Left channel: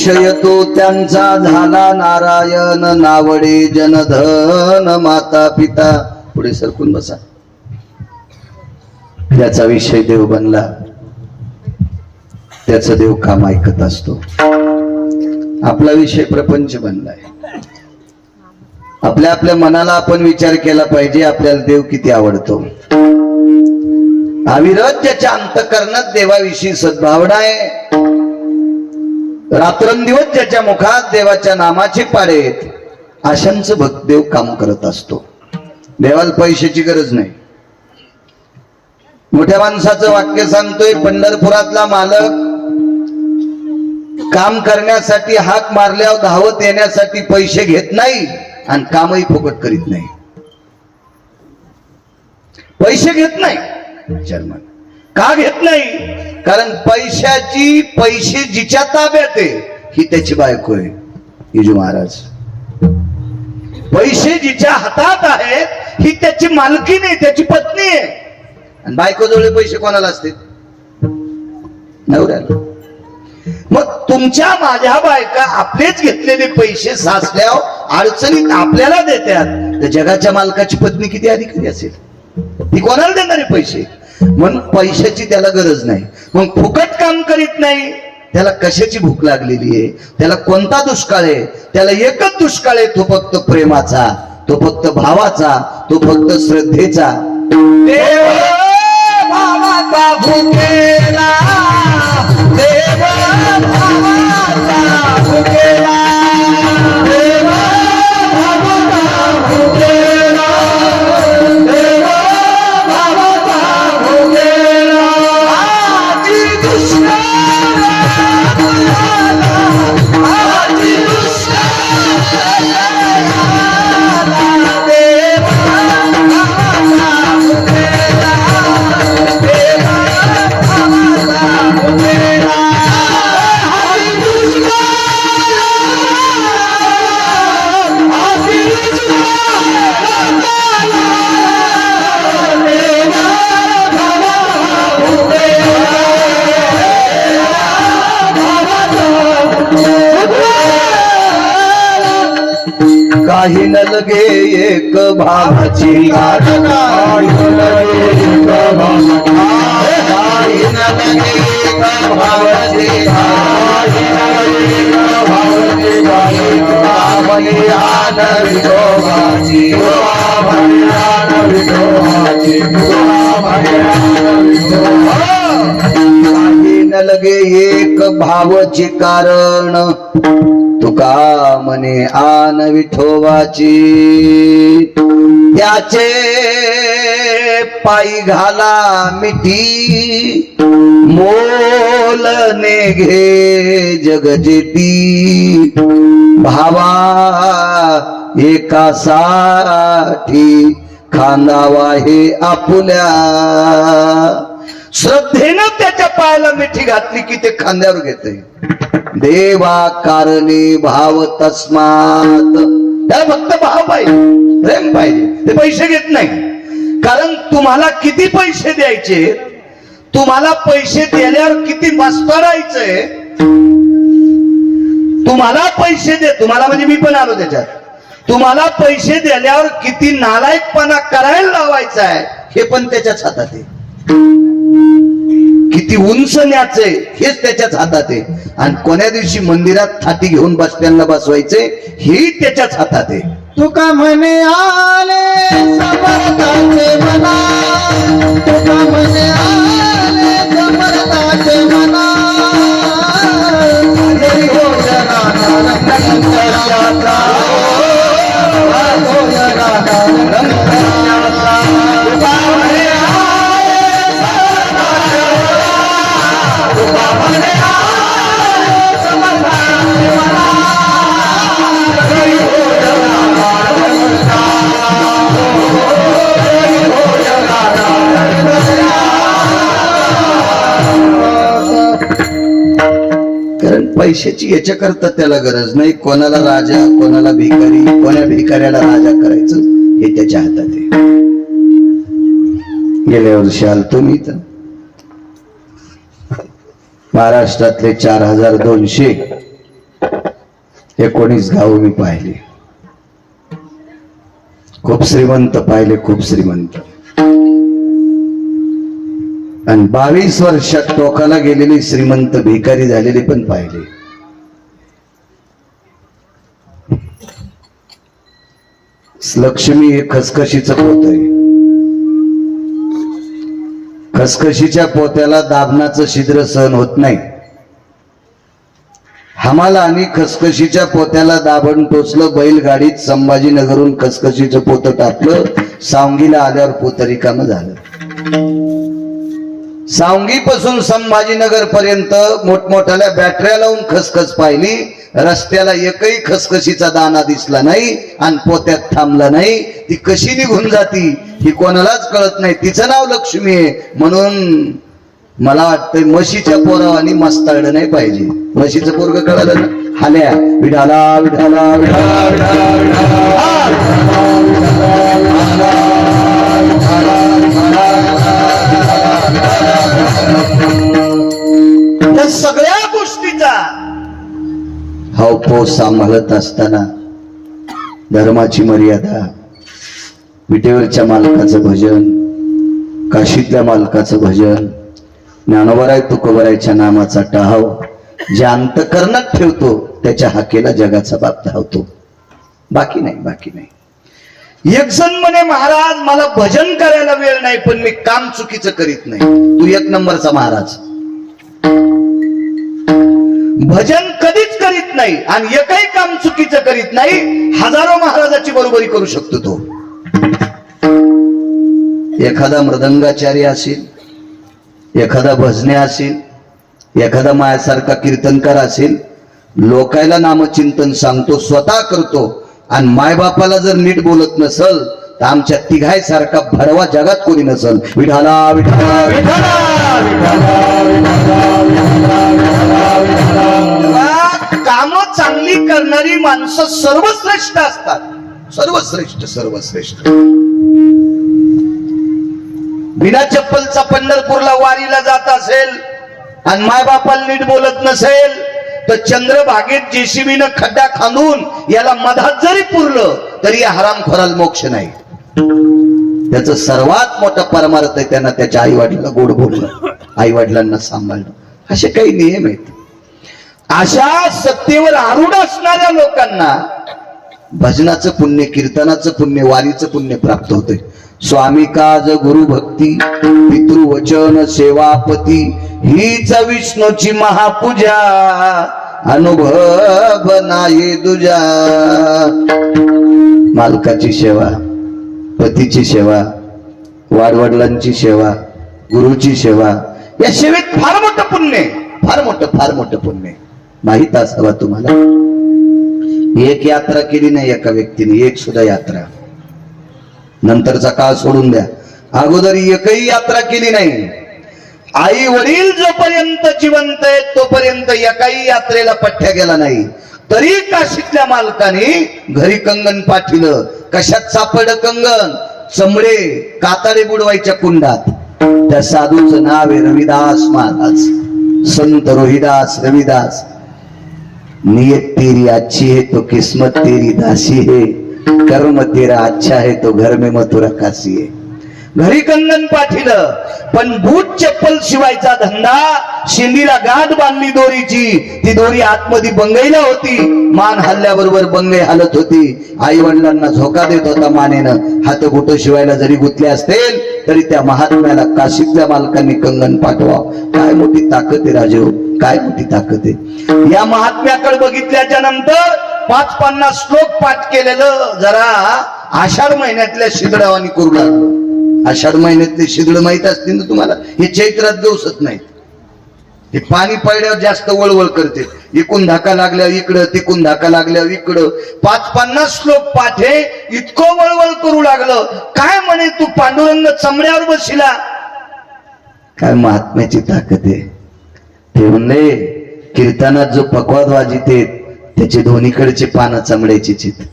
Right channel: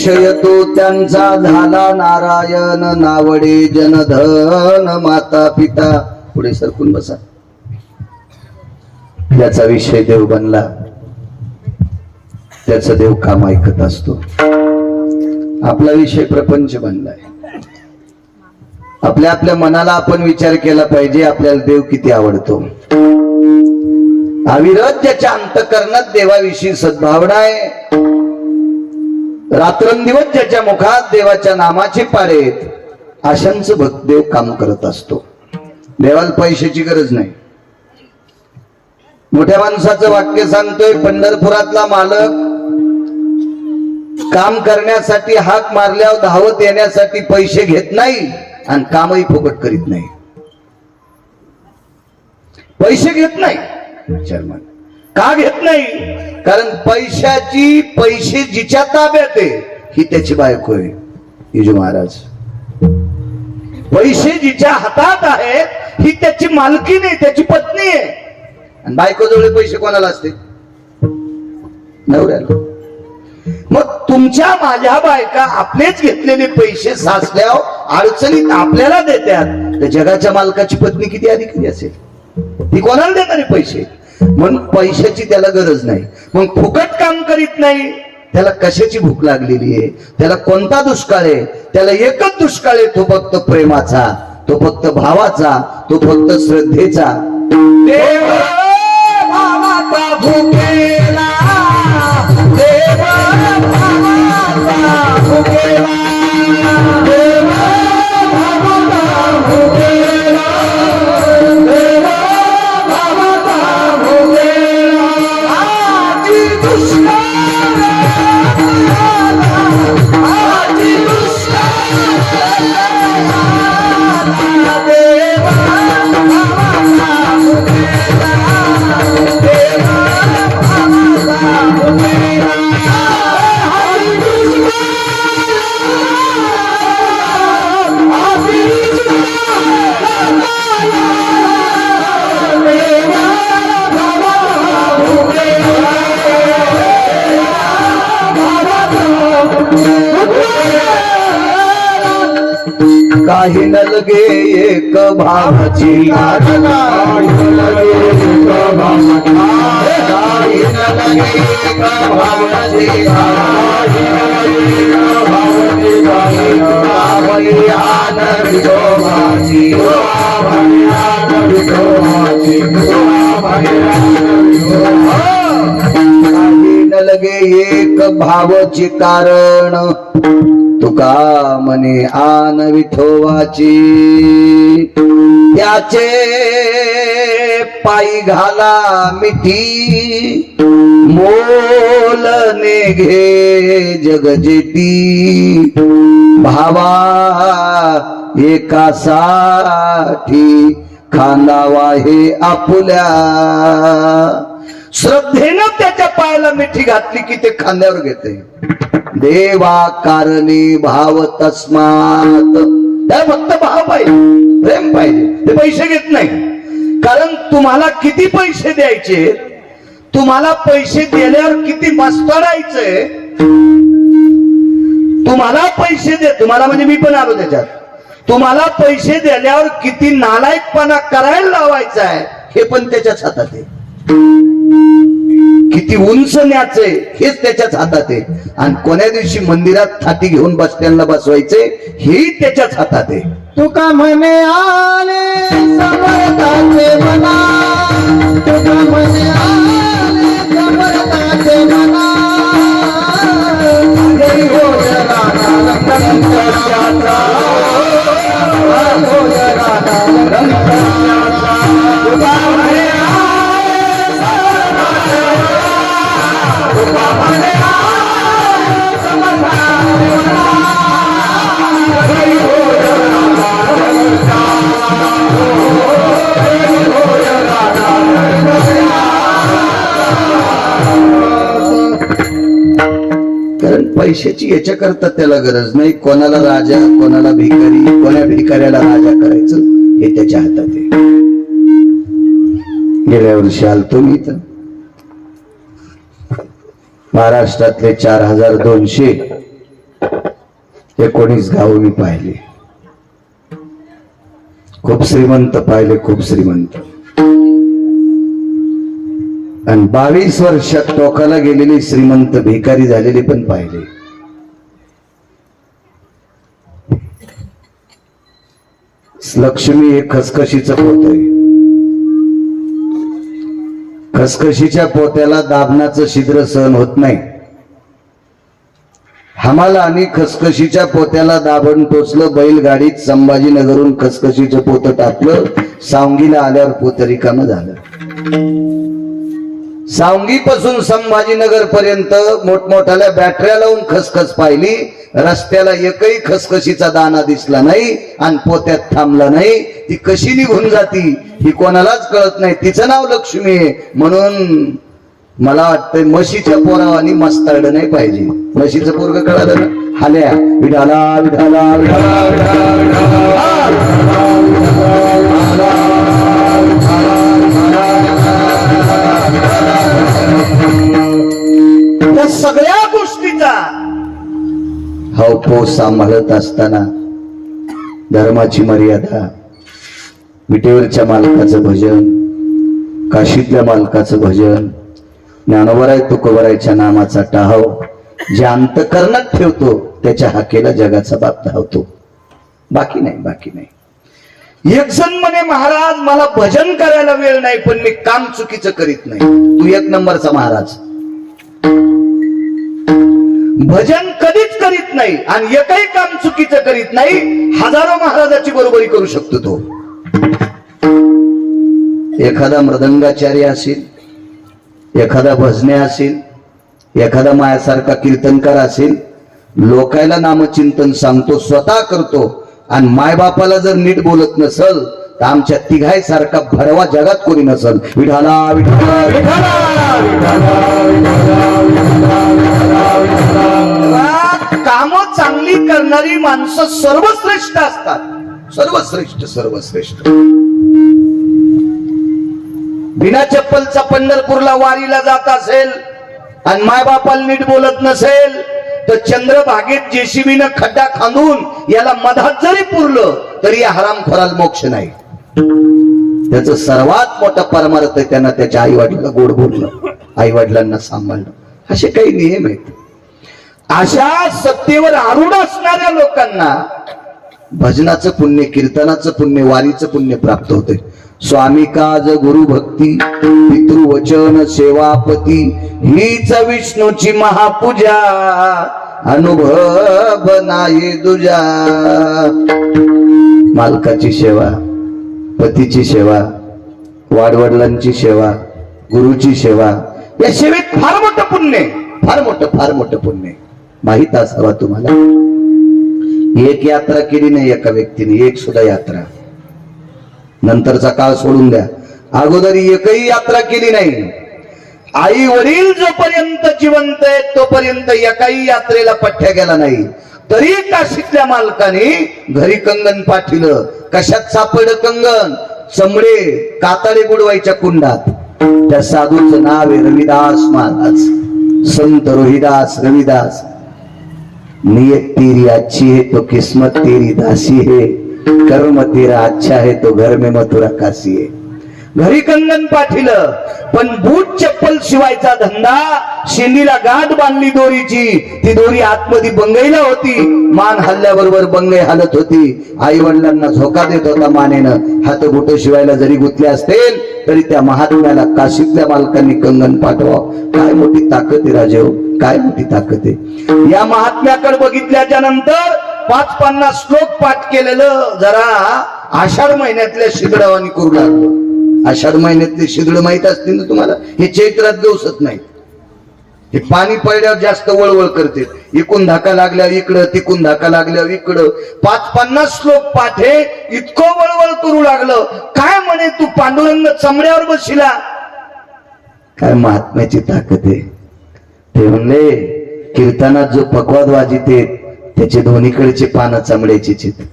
विषय तो त्यांचा झाला नारायण, नावडे जनधन माता पिता. पुढे सरकून बसा. त्याचा विषय देव बनला, त्याचा देव काम ऐकत असतो. आपला विषय प्रपंच बनलाय. आपल्या आपल्या मनाला आपण विचार केला पाहिजे, आपल्याला देव किती आवडतो. अविरत ज्याच्या अंतःकरणात देवाविषयी सद्भावना आहे, रात्रंदिवस ज्याच्या मुखात देवाच्या नामाचे पाडे आहेत, अशांचं भक्त देव काम करत असतो. देवाला पैशाची गरज नाही. मोठ्या माणसाचं वाक्य सांगतोय, पंढरपुरातला मालक काम करण्यासाठी हाक मारल्यावर धावत येण्यासाठी पैसे घेत नाही आणि कामही फुकट करीत नाही. पैसे घेत नाही चर्मन. का घेत नाही? कारण पैसे जिच्या ताब्यात आहे ही त्याची बायको आहे. हिजू महाराज, पैसे जिच्या हातात आहेत ही त्याची मालकी नाही, त्याची पत्नी आहे. आणि बायको जवळ पैसे कोणाला असते? नवऱ्याला. मग तुमच्या माझ्या बायका आपलेच घेतलेले पैसे साचल्यावर अडचणीत आपल्याला देतात, तर जगाच्या मालकाची पत्नी किती अधिकारी असेल? ती कोणाला देणारे पैसे? मग पैशाची त्याला गरज नाही. मग फुकट काम करीत नाही. त्याला कशाची भूक लागलेली आहे? त्याला कोणता दुष्काळ आहे? त्याला एकच दुष्काळ आहे, तो फक्त प्रेमाचा, तो फक्त भावाचा, तो फक्त श्रद्धेचा. देव भावाचा भुकेला, देव भावाचा भुकेला, देव भावाचा भुकेला, देव भावाचा भुकेला. आजी दुष्काळ आला, आजी दुष्काळ आला, देव भावाचा भुकेला, देव भावाचा भुकेला. आजी दुष्काळ आला, आजी दुष्काळ आला, देव भावाचा भुकेला. काही न लगे एक भावाची आठवण, काही न लगे एक भावाची लगे एक भावची कारण, तुका मने आन विठोबाची. त्याचे पायी घाला मिठी, मोल ने घे जगजेती. भावा एकासाठी खांदावा हे आपुल्या. श्रद्धेनं त्याच्या पायाला मिठी घातली की ते खांद्यावर घेते. देवा कारणे भाव तस्मात. त्याला फक्त भाव पाहिजे, प्रेम पाहिजे. ते पैसे घेत नाही. कारण तुम्हाला किती पैसे द्यायचे, तुम्हाला पैसे दिल्यावर किती मस्करायचंय, तुम्हाला पैसे दे, तुम्हाला म्हणजे मी पण आलो त्याच्यात, तुम्हाला पैसे दिल्यावर किती नालायकपणा करायला लावायचा आहे हे पण त्याच्याच हातात आहे. किती उंच न्यायचे हेच त्याच्याच हातात आहे. आणि कोण्या दिवशी मंदिरात थाटी घेऊन बसत्यांना बसवायचे हे त्याच्याच हातात आहे. तुका म्हणे आले समर्थाचे मना, तुका म्हणे आले समर्थाचे मना. कारण पैशाची याच्याकरता त्याला गरज नाही. कोणाला राजा, कोणाला भिकारी, कोण्या भिकाऱ्याला राजा करायचं हे त्याच्या हातात आहे. गेल्या वर्षी आलतो मी तर महाराष्ट्रातले 4200 19 गाव मी पाहिले, खूप श्रीमंत पाहिले, खूप श्रीमंत. आणि 22 वर्षात टोकाला गेलेली श्रीमंत भिकारी झालेले पण पाहिले. लक्ष्मी हे खसखशीचं पोत आहे. खसखशीच्या पोत्याला दाबनाचं छिद्र सहन होत नाही. आम्हाला आम्ही खसखशीच्या पोत्याला दाबण टोचलं. बैलगाडीत संभाजीनगरहून खसखशीचं पोत टाकलं. सावंगीला आल्यावर पोत रिकामं झालं. सावंगीपासून संभाजीनगर पर्यंत मोठमोठ्याला बॅटऱ्या लावून खसखस पाहिली. रस्त्याला एकही खसखशीचा दाना दिसला नाही आणि पोत्यात थांबला नाही. ती कशी निघून जाती ही कोणालाच कळत नाही. तिचं नाव लक्ष्मी आहे. म्हणून मला वाटतंय म्हशीच्या पोरावानी मस्ताळलं नाही पाहिजे. म्हशीचं पोरग कळालं ना, हाल्या विढाला विढाला विढाला या सगळ्या गोष्टीचा हावभाव सांभाळत असताना धर्माची मर्यादा, विटेवरच्या मालकाचं भजन, काशीतल्या मालकाचं भजन, ज्ञानोबराय तुकोबरायच्या नामाचा टाहाव जे अंतकरणात ठेवतो त्याच्या हाकेला जगाचा बाप धावतो. बाकी नाही, बाकी नाही. एक जण म्हणे महाराज मला भजन करायला वेळ नाही पण मी काम चुकीचं करीत नाही. तू 1 नंबरचा महाराज. भजन कधीच करीत नाही आणि एकही काम चुकीचं करीत नाही. हजारो महाराजाची बरोबरी करू शकतो तो. एखादा मृदंगाचार्य असेल, एखादा भजने असेल, एखादा मायासारखा कीर्तनकार असेल, लोकायला नामचिंतन सांगतो, स्वतः करतो आणि मायबापाला जर नीट बोलत नसल तर आमच्या तिघाई सारखा भडवा जगात कोणी नसल. विठाला विठाला विठाला काम चांगली करणारी माणसं सर्वश्रेष्ठ असतात. सर्वश्रेष्ठ, सर्वश्रेष्ठ. बिना चप्पलचा पंढरपूरला वारीला जात असेल आणि मायबापाला नीट बोलत नसेल तर चंद्रभागेत जेसीबीनं खड्डा खांदून याला मधात जरी पुरलं तरी या हरामखोराला मोक्ष नाही. त्याचं सर्वात मोठा परमार्थ आहे त्यांना त्याच्या आई वडिलांना गोड बोलणं, आई वडिलांना सांभाळणं. असे काही नियम आहेत. अशा सत्तेवर आरूढ असणाऱ्या लोकांना भजनाचं पुण्य, कीर्तनाचं पुण्य, वारीचं पुण्य प्राप्त होते. स्वामी काज गुरु भक्ती पितृवचन सेवापती हीच विष्णूची महापूजा अनुभव नाही दुजा. मालकाची सेवा, पतीची सेवा, वाडवडिलांची सेवा, गुरुची सेवा, या सेवेत फार मोठं पुण्य आहे. फार मोठं, फार मोठं पुण्य आहे. माहित असावा तुम्हाला. एक यात्रा केली नाही एका व्यक्तीने, एक सुद्धा यात्रा. नंतरचा काळ सोडून द्या, अगोदर एकही यात्रा केली नाही. आई वडील जोपर्यंत जिवंत आहेत तोपर्यंत एकाही यात्रेला पठ्ठ्या गेला नाही. तरी काशीतल्या मालकाने घरी कंगन पाठिलं. कशात सापडलं कंगन? चमडे, काताडे बुडवायच्या कुंडात. त्या साधूचं नाव आहे रविदास महाराज, संत रोहिदास रविदास. नियत तेरी अच्छी है तो किस्मत तेरी दासी है, कर्म तेरा अच्छा है तो घर में मथुरा काशी है. घरी कंगन पाठिलं पण बूट चप्पल शिवायचा धंदा. शेंडीला गाठ बांधली दोरीची, ती दोरी आतमध्ये बंगईला होती. मान हल्ल्याबरोबर बंगई हलत होती. आई वडिलांना झोका देत होता मानेनं. हात बोट शिवायला जरी गुंतले असतील तरी त्या महात्म्याला काशीतल्या मालकांनी कंगन पाठवाव. काय मोठी ताकद आहे राजेव, काय मोठी ताकद आहे. या महात्म्याकडे बघितल्याच्या नंतर 5-50 श्लोक पाठ केलेलं जरा आषाढ महिन्यातल्या शिदडावानी करू लागलो. आषाढ महिन्यातले शिदड माहित असतील ना तुम्हाला. हे चैत्रात दिवसत नाहीत. हे पाणी पडल्यावर जास्त वळवळ करते. इकून धाका लागल्यावर इकडं, तिकून धाका लागल्यावर इकडं. 5-50 श्लोक पाठ आहे. इतकं वळवळ करू लागलं. काय म्हणे तू पांडुरंग चमड्यावर बसिला. काय महात्म्याची ताकद आहे. ते म्हणले कीर्तनात जो पकवाद वाजिते त्याचे दोन्हीकडचे पानं चमड्याचीच आहेत.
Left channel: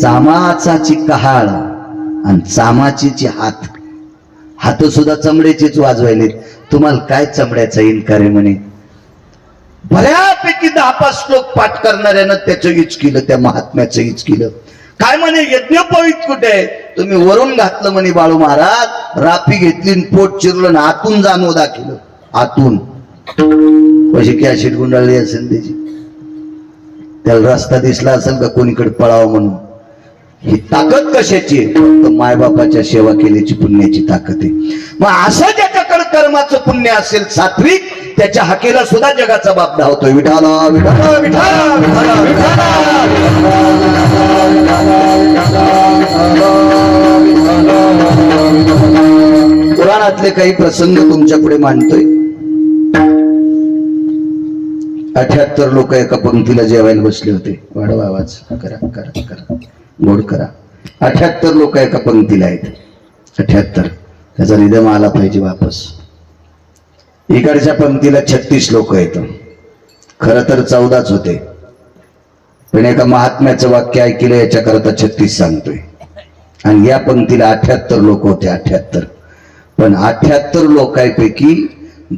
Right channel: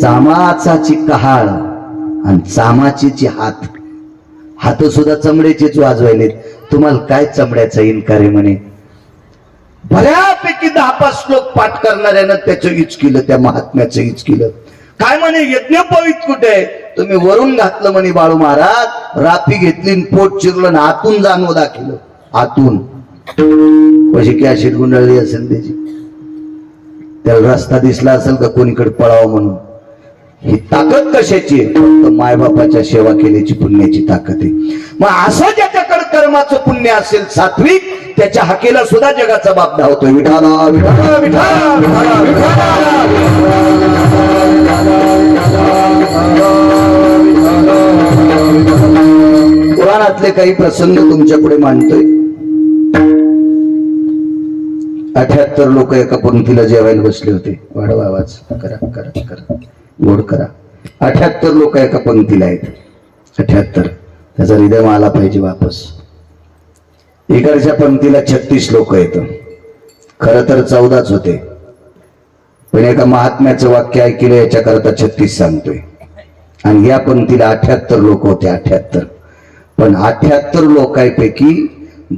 चामाचाची कहाळ आणि चामाचीची हात, हात सुद्धा चमड्याचेच वाजवायलेत. तुम्हाला काय चमड्याचा इन्कार आहे म्हणे. बऱ्याच पैकी 10-5 श्लोक पाठ करणाऱ्यानं त्याचं हीच केलं, त्या महात्म्याचं हीच केलं. काय म्हणे यज्ञोपवीत कुठे आहे? तुम्ही वरून घातलं म्हणे बाळू महाराज, रापी घेतली आणि पोट चिरलं आणि आतून जाणव दाखवलं. आतून कशी की अशी गुंडाळली असेल त्याची, त्याला रस्ता दिसला असेल का कोणीकडे पळावं म्हणून. ही ताकद कशाची आहे? फक्त मायबापाच्या सेवा केल्याची पुण्याची ताकद आहे. मग असं ज्याच्याकडे कर्माचं पुण्य असेल सात्विक, त्याच्या हाकेला सुद्धा जगाचा बाप धावतोय. विठाला विठाला विठाला विठाला विठाला. पुराणातले काही प्रसंग तुमच्या पुढे मांडतोय. 78 लोक एका पंक्तीला जेवायला बसले होते. वाढवा आवाज, करा करा करा, गोड करा. 78 लोक एका पंक्तीला आहेत. 78. त्याचा रिदम आला पाहिजे वापस. इकडच्या पंक्तीला 36 लोक आहेत. खर तर 14च होते, पण एका महात्म्याचं वाक्य ऐकलं याच्याकरता 36 सांगतोय. आणि या पंक्तीला 78 लोक होते. 78. पण 78 लोकांपैकी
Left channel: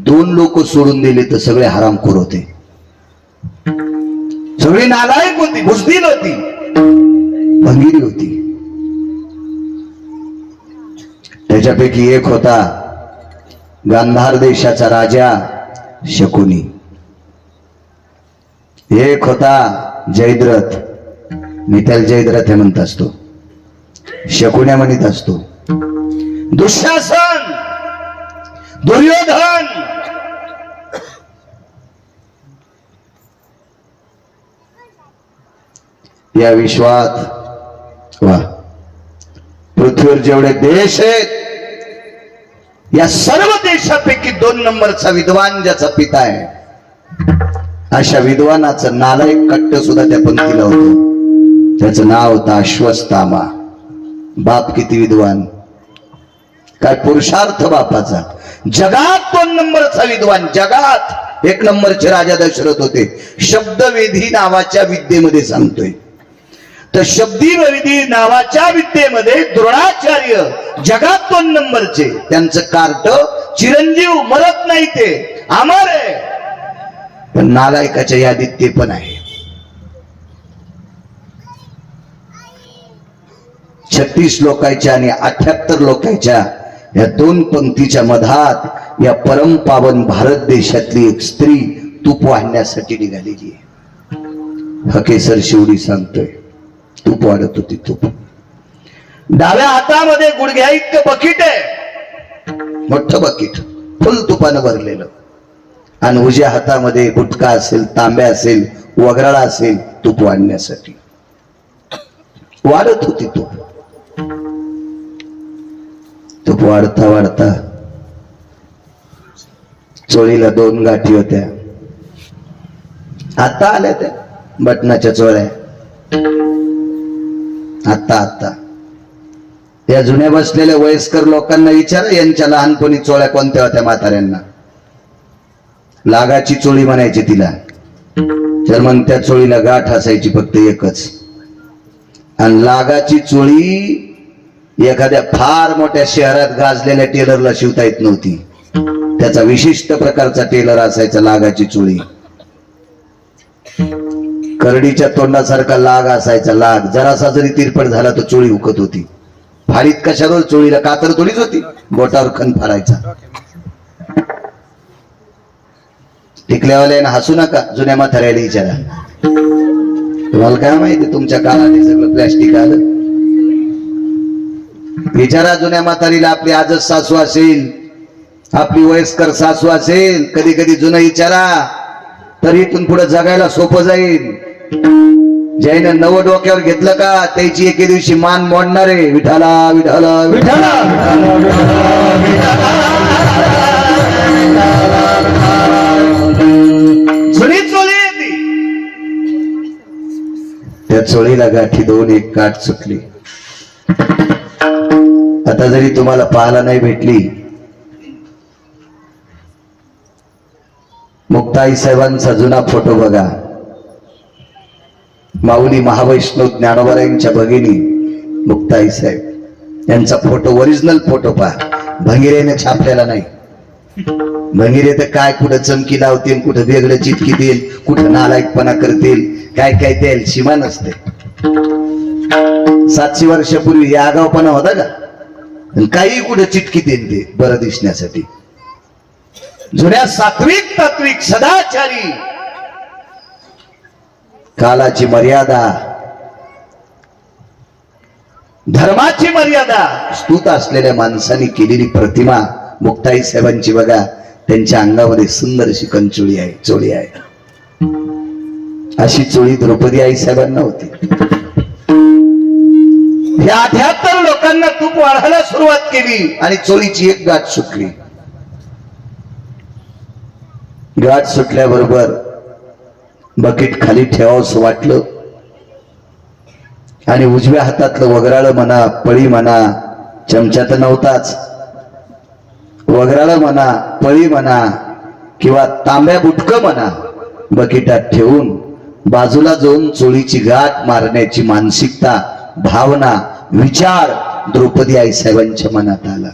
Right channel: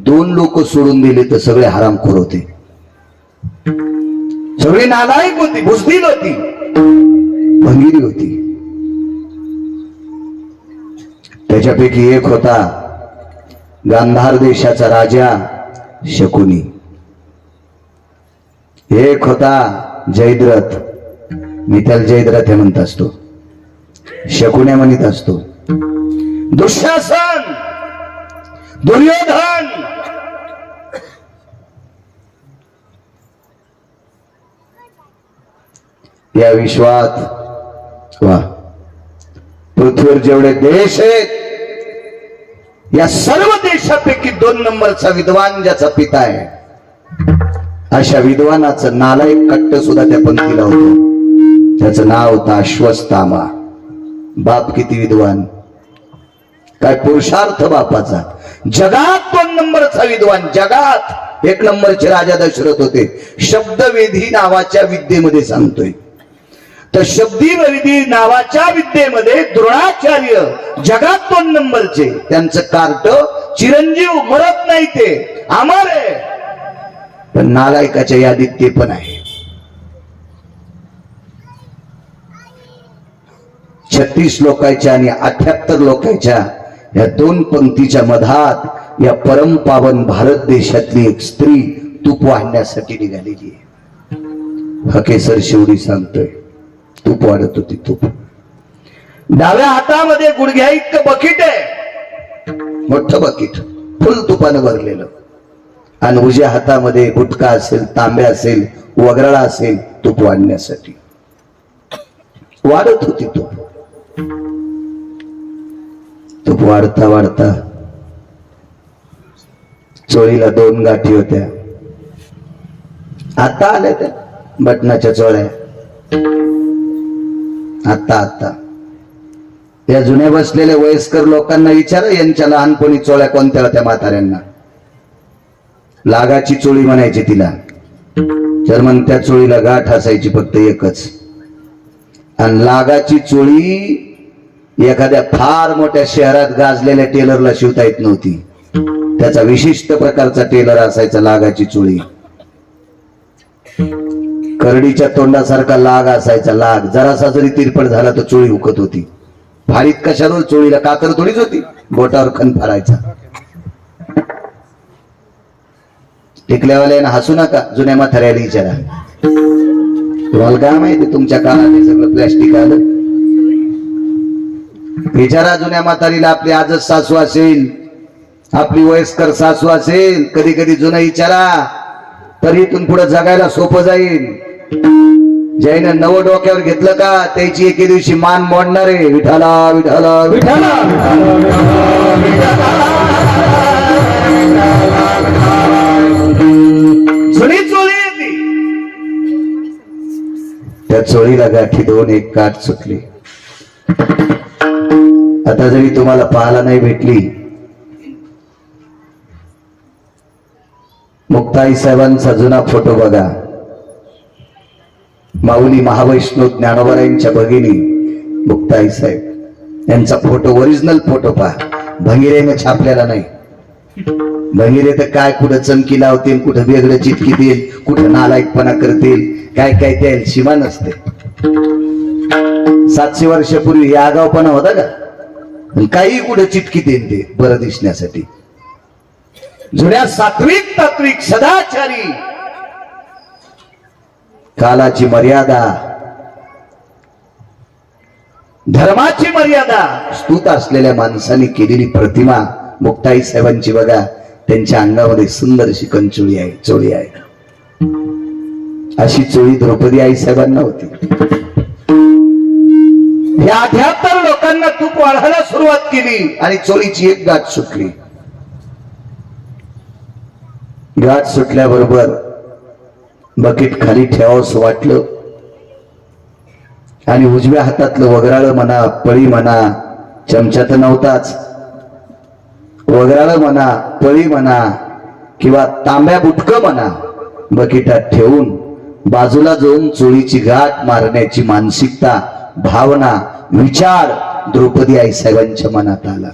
2 लोक सोडून दिले तर सगळे हरामखोर होते. सगळी नालायक होती, बुजदिल होती, भंगिरी होती. त्याच्यापैकी एक होता गांधार देशाचा राजा शकुनी. एक होता जयद्रथ. मी त्याला जयद्रथ म्हणत असतो, शकुन्या म्हणत असतो. दुःशासन, दुर्योधन, या विश्वात वा पृथ्वीवर जेवढे देश आहेत, या सर्व देशापैकी 2 नंबरचा विद्वान ज्याचा पिता आहे, अशा विद्वानाचं नालायक कट्ट सुद्धा त्या पंक्तीला होतं. त्याचं नाव होतं अश्वत्थामा. बाप किती विद्वान, काय पुरुषार्थ बापाचा. जगात 2 नंबरचा विद्वान, जगात 1 नंबरचे राजा दशरथ होते. शब्दवेधी नावाच्या विद्येमध्ये सांगतोय. तर शब्दवेधी नावाच्या विद्येमध्ये द्रोणाचार्य जगात 2 नंबरचे. त्यांचं कार्ट चिरंजीव, मरत नाही, ते अमर आहे. पण नालायकाच्या यादीत ते पण आहे. 36 लोकांच्या आणि 78 लोकांच्या या 2 पंक्तीच्या मधात या परमपावन भारत देशातली एक स्त्री तूप वाढण्यासाठी निघालेली आहे. हकेसर शिवडी सांगतोय, तूप वाढत होती. तूप डाव्या हातामध्ये गुडघ्या इतकं बकीट आहे, मोठं बकीट फुल तुपानं भरलेलं. आणि उजव्या हातामध्ये बुटका असेल, तांब्या असेल, वगराळा असेल, तूप वाढण्यासाठी. वाढत होती तूप. तूप वाढता वाढता चोळीला 2 गाठी होत्या. आता आल्या त्या बटनाच्या चोळ्या. आता या जुन्या बसलेल्या वयस्कर लोकांना विचारा, यांच्या लहानपणी चोळ्या कोणत्या होत्या म्हाताऱ्यांना. लागाची चोळी म्हणायची तिला. तर मग त्या चोळीला गाठ असायची फक्त एकच. आणि लागाची चोळी एखाद्या फार मोठ्या शहरात गाजलेल्या टेलरला शिवता येत नव्हती. त्याचा विशिष्ट प्रकारचा टेलर असायचा लागाची चोळी. करडीच्या तोंडासारखा लाग असायचा. लाग जरासा जरी तिरपट झाला तर चोळी हुकत होती. फाडीत कशावर चोळीला कातर थोडीच होती, बोटावर खण फाडायचा. टिकल्यावाल्यानं हसू नका, जुन्या म्हाताऱ्याला विचारा. तुम्हाला काय माहिती, तुमच्या काळात हे सगळं प्लॅस्टिक आलं. विचारा जुन्या म्हातारीला. आपली आजच सासू असेल, आपली वयस्कर सासू असेल, कधी कधी जुनं विचारा, तरी इथून पुढे जगायला सोपं जाईल. ज्यानं नवं डोक्यावर घेतलं का त्याची एके दिवशी मान मोडणार आहे. विठाला विठाला विठाला. जुनी चोळी येते, त्या चोळीला गाठी 2, एक काठ सुटली. आता जरी तुम्हाला पाहायला नाही भेटली, मुक्ताई साहेबांचा जुना फोटो बघा. माऊली महावैष्णव ज्ञानोबरायांच्या भगिनी मुक्ताई साहेब यांचा फोटो, ओरिजिनल फोटो पहा. भंगिरेने छापलेला नाही. भंगीरे तर काय कुठं चमकी लावतील, कुठं वेगळं चिटकी देईल, कुठं नालायकपणा करतील, काय काय द्याल सीमा नसते. 700 वर्षापूर्वी हे आगावपणा होता का? काही कुठं चिटकी देईल ते बरं दिसण्यासाठी. जुन्या सात्विक तात्विक सदाचारी कालाची मर्यादा, धर्माची मर्यादा स्तुत असलेल्या माणसाने केलेली प्रतिमा मुक्ताई साहेबांची बघा. त्यांच्या अंगामध्ये सुंदरशी कंचोळी आहे, चोळी आहे. अशी चोळी द्रौपदी आई साहेबांना होती. या 78 लोकांना तूप वाढायला सुरुवात केली आणि चोळीची एक गाठ सुटली. गाठ सुटल्याबरोबर बकेट खाली ठेवावंसं वाटलं आणि उजव्या हातातलं वगराळ म्हणा, पळी म्हणा, चमचा तर नव्हताच, वगराळ म्हणा, पळी म्हणा किंवा तांब्या बुटकं म्हणा, बकेटात ठेवून बाजूला जाऊन चोळीची गाठ मारण्याची मानसिकता, भावना, विचार द्रौपदी आई साहेबांच्या मनात आला.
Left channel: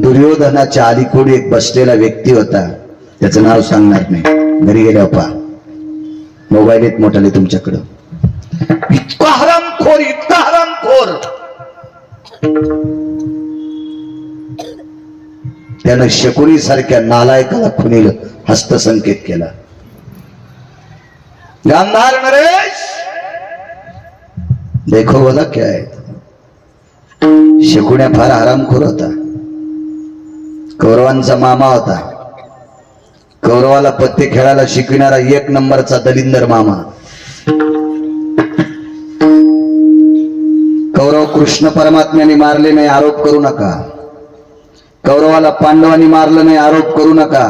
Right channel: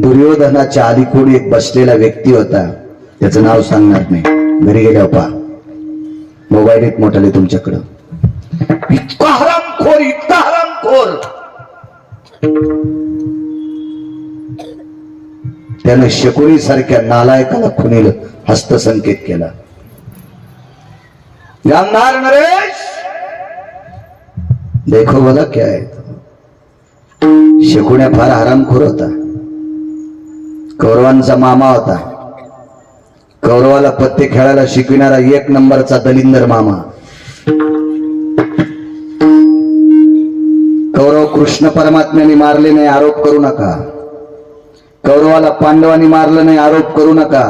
दुर्योधनाच्या अलीकडे एक बसलेला व्यक्ती होता, त्याचं नाव सांगणार नाही, घरी गेल्या पहा, मोबाईल एक मोठाले तुमच्याकडं. इतका हरामखोर, इतका हरामखोर, त्यानं शकुनी सारख्या नालायकाला खुनील हस्तसंकेत केला. गांधार नरेश देखो बोला क्या है. शकुन्या फार हरामखोर होता. कौरवांचा मामा होता. कौरवाला पत्ते खेळायला शिकविणारा 1 नंबरचा दलिंदर मामा. कौरव कृष्ण परमात्म्याने मारले नाही, आरोप करू नका. कौरवाला पांडवांनी मारलं नाही, आरोप करू नका.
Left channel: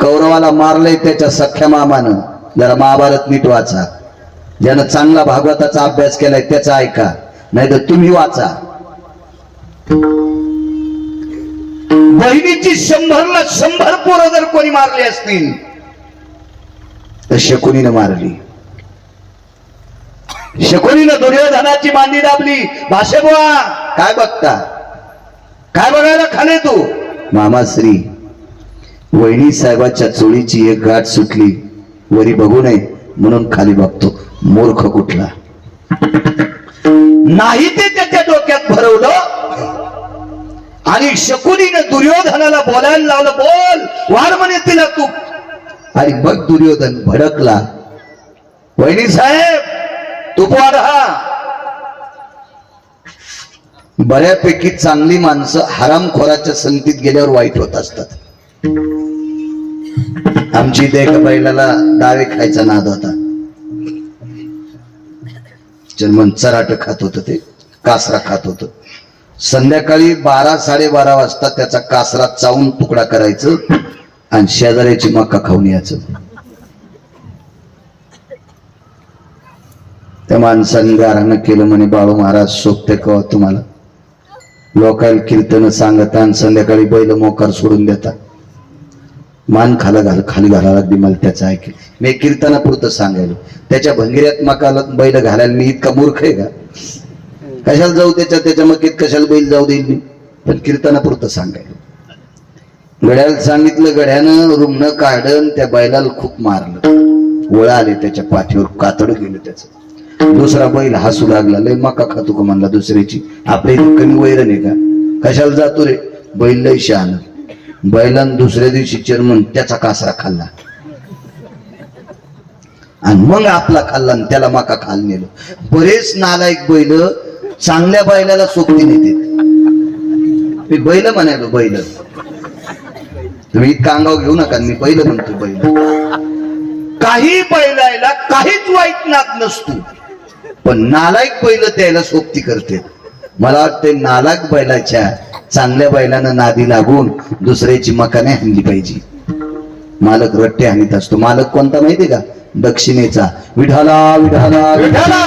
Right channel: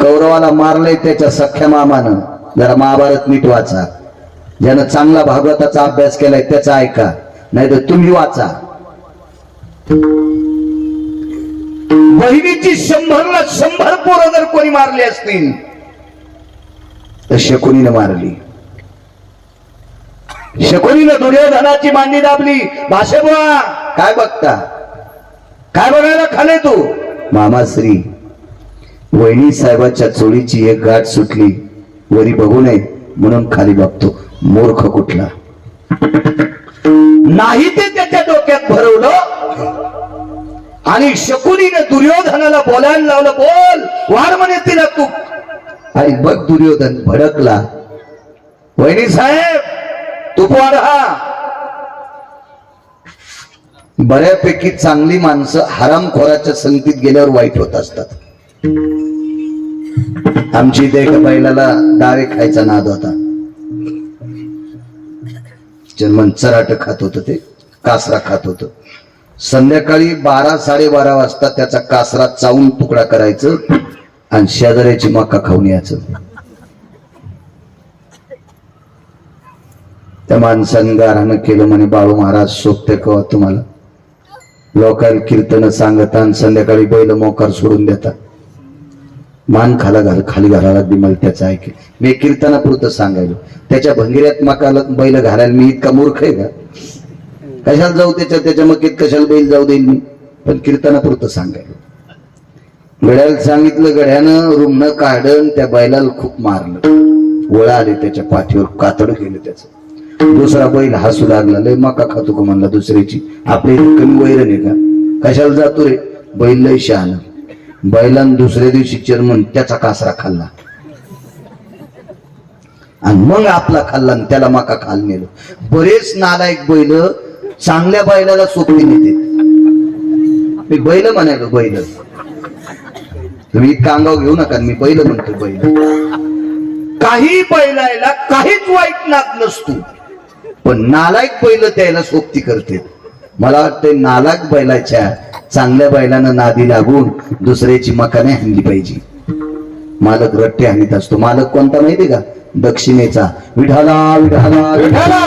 कौरवाला मारलंय त्याच्या सख्या मामानं. जरा महाभारत नीट वाचा. ज्यानं चांगला भागवताचा अभ्यास केलाय त्याचा ऐका, नाही तर तुम्ही वाचा. बहिणीची 100ला 100 पोरं जर कोणी मारली असतील तर शकुनीनं मारली. शकुनीनं दुर्योधनाची मांडी दाबली. भाषे बुवा काय बघता, काय बघायला खाले तू. मामाश्री, वहिनी साहेबाच्या चोळीची एक गाठ सुटली, वरी बघू नये म्हणून खाली बघतो. मूर्ख कुठला. नाही ते त्याच्या डोक्यात भरवलं आणि शकुनीने दुर्योधनाला बोलायला लावलं. बोल, वार म्हणे तिला तू. आणि बघ दुर्योधन भडकला. वहिनी साहेब तूप वाढा. बऱ्यापैकी चांगली माणसं हरामखोराच्या संगतीत गेल्यावर वाईट होत असतात. आमची इथे एका बैलाला डावे खायचा नाद होता. जर्मन चराट खात होत, ते कासरा खात होत. संध्याकाळी 12-12:30 वाजता त्याचा कासरा चावून तुकडा करायचं आणि शेजाऱ्याची मका खाऊन यायचं. त्या माणसाने गारानं केलं म्हणे, बाळू महाराज सोपते का तुम्हाला. लोकांना कीर्तन सांगता आणि संध्याकाळी बैल मोकार सोडून देता. मान खाली घालायला लागली. मला त्याचं ऐकेल. मी कीर्तनापुरतं सांगायलो. त्याच्या भंगिऱ्यात मकाला बैल घालायला मी इतका मूर्ख आहे का. कशाला जाऊ त्याच्या मकीत, कशाला बैल जाऊ देईल मी. पण कीर्तनापुरतं सांगायलो. गड्याला सांगितलं, गड्यानं रुमणं काढून त्या बैलाला खूप मारलं. ओळा आले त्याच्या पाठीवर, कातड गेलं त्याचं. दुसरा बैल हसू लागला. लय मका खातो का म्हणला दुसऱ्याची, आपल्या इथे कमी वैरण आहे का. कशाला जातो रे. बैल लय शहाणं. बैलानं दुसऱ्या दिवशी चेअरमन त्याचा कासरा खाल्ला आणि मग आपला खाल्ला आणि त्याला मका खाल नेलो. बरेच नालायक बैल चांगल्या बैलाला सोबती नेते. मी बैल म्हणालो, बैल. तुम्ही इतका अंगाव घेऊ नका. मी बैल म्हणतो, बैल. काही बैलायला काहीच वाईट नाद नसतो, पण नालायक बैल त्याला सोबती करते. मला वाटते नालायक बैलाच्या चांगल्या बैलानं नादी लागून दुसऱ्याची मका नाही हाणली पाहिजे. मालक रट्टे हाणीत असतो. मालक कोणता माहितीये का. दक्षिणेचा. विठाला विठाला विठाला.